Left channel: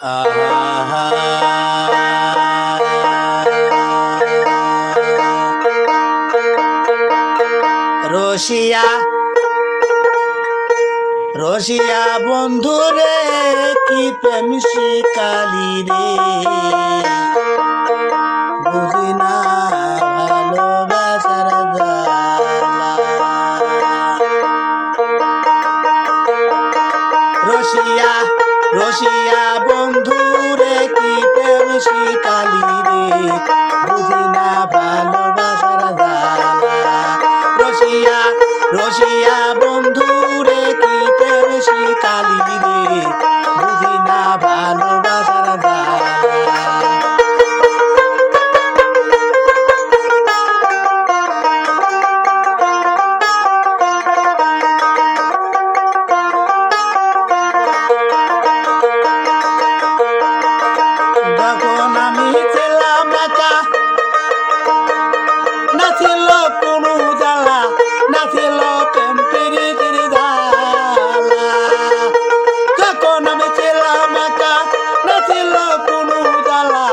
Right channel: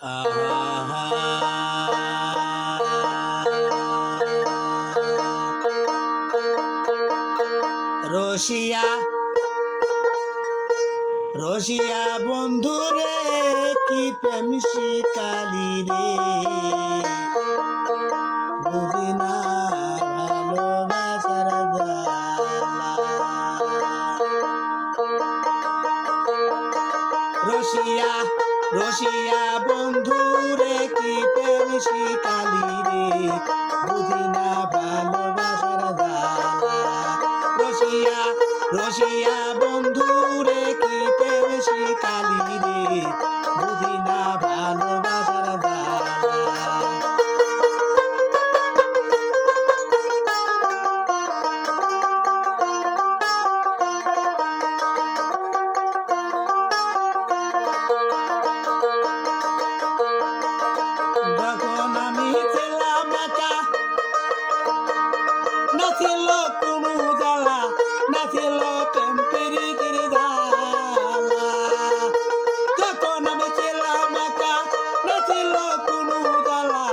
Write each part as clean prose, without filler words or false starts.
আহা রসিয়া রসিয়া বন্ধুরে কি প্রেম শিকালি রে বুঝি না ভালোবাসার জ্বালা রসিয়া রসিয়া বন্ধুরে কি প্রেম শিকালি রে বুঝি না ভালোবাসার জ্বালা রসিয়া রসিয়া বন্ধুরে কি প্রেম শিকালি রে বুঝি না ভালোবাসার জ্বালা যখন আমি ছিলাম একা না ছিল কোনো জ্বালা না ছিল প্রেম প্রীতির জ্বালা যখন আমি ছিলাম একা না ছিল কোনো জ্বালা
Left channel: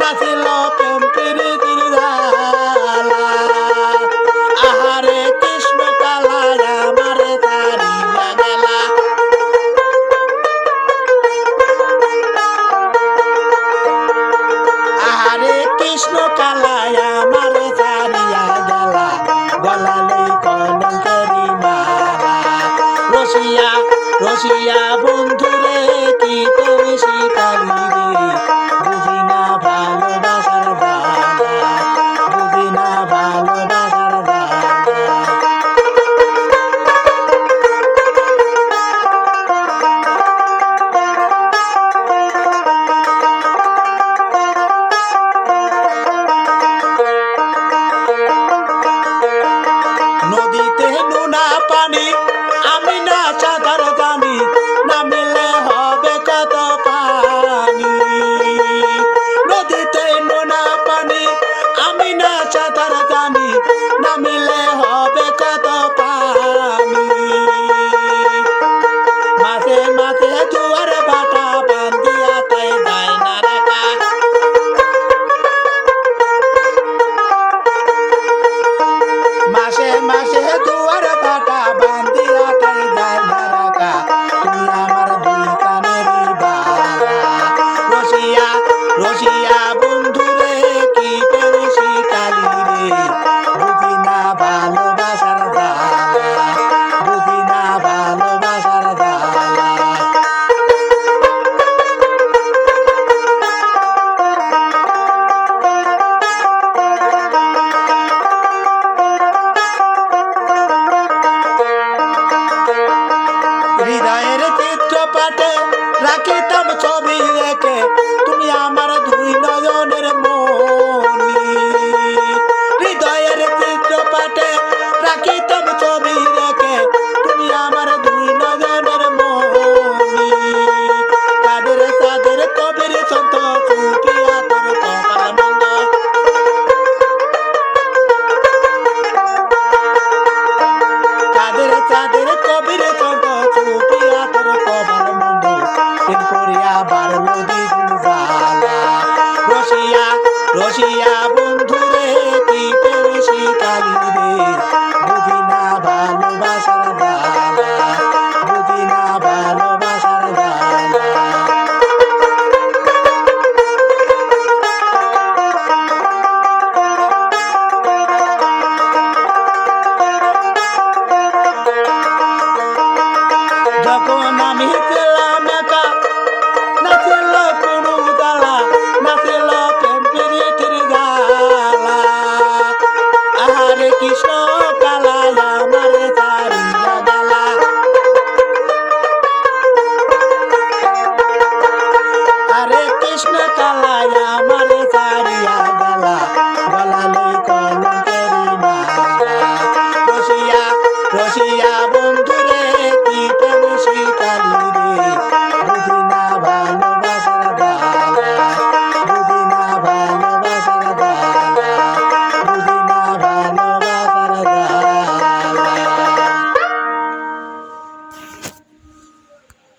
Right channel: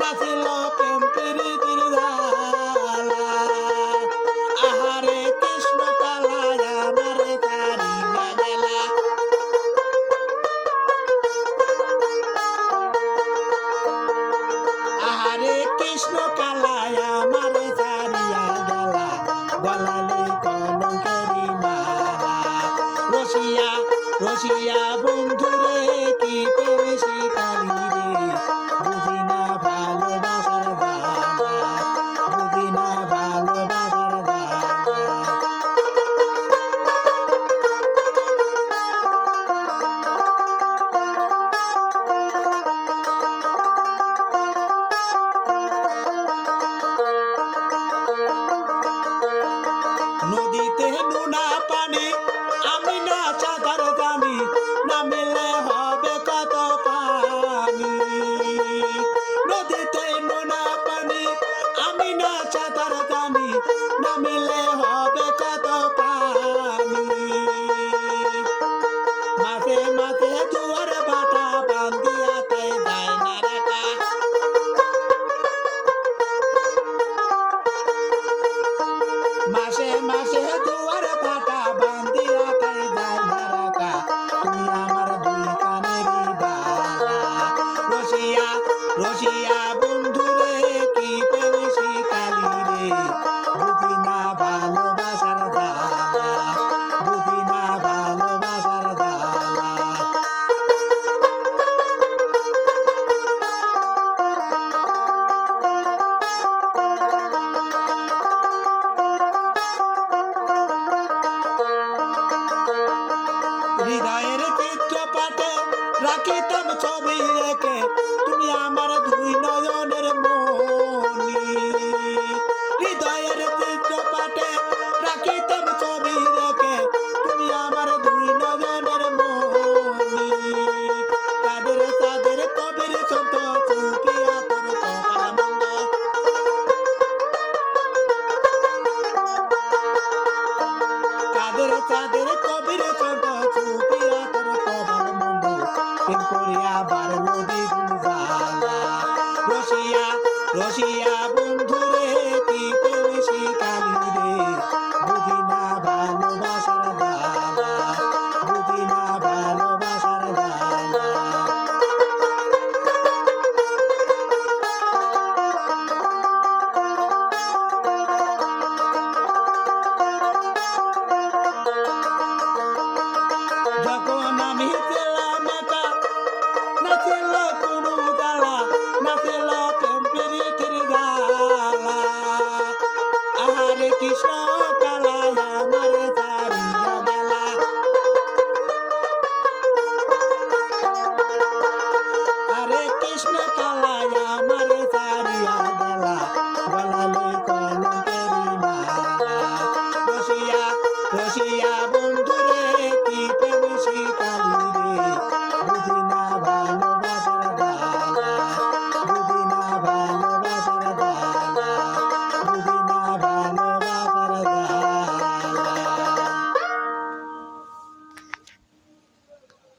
না ছিল প্রেম প্রীতির জ্বালা আহারে কৃষ্ণ কালায় আমারে তারিয়া গেলা আহারে কৃষ্ণ কালায় আমারে ছাড়িয়া গেলা গলালে কলঙ্কেরি মালা রসিয়া রসিয়া বন্ধুরে কি তুমি শিকালি রে বুঝি না ভালোবাসার জ্বালা বুঝি না ভালোবাসার জ্বালা নদীতে নোনা পানি আমি না সাঁতার জানি না মিলে হবে কত পানি নদীতে নোনা পানি আমি না সাঁতার জানি না মিলে হবে কত পানি মাঝে মাঝে জোয়ার ভাটা বান্ধিয়া তাই যায় না রাখা মাসে মাসে দুয়ার ভাটা বান্ধিয়া তাই যায় না রাখা তুই আমার দুই কানেরই বালা রসিয়া রসিয়া বন্ধুরে কি প্রেম শিকালি রে বুঝি না ভালোবাসার জ্বালা বুঝি না ভালোবাসার জ্বালা হৃদয়ের চিত্রপাটে রাখিতাম ছবি রেখে তুমি আমার দুই নয়নের মনি হৃদয়ের চিত্রপাটে রাখিতাম ছবি রেখে তুমি আমার দুই নয়নের মনি কাদের তাদের কবির ছন্দ চুটিয়া তোর কপাল মন্দ কাদের তাদের কবির ছন্দ চুটিয়া তোর কপাল মন্দ দিন করিয়া বাড়লো দ্বিগুণ জ্বালা রসিয়া রসিয়া বন্ধুরে কি প্রেম শিকালি রে বুঝি না ভালোবাসার জ্বালা বুঝি না ভালোবাসার জ্বালা যখন আমি ছিলাম একা না ছিল কোনো জ্বালা না ছিল প্রেম প্রীতির জ্বালা আহারে কৃষ্ণ কালায় আমারে ছাড়িয়া গেলা আরে কৃষ্ণ কালায় আমারে ছাড়িয়া গেলা গলালে কলঙ্কেরি মালা রসিয়া রসিয়া বন্ধুরে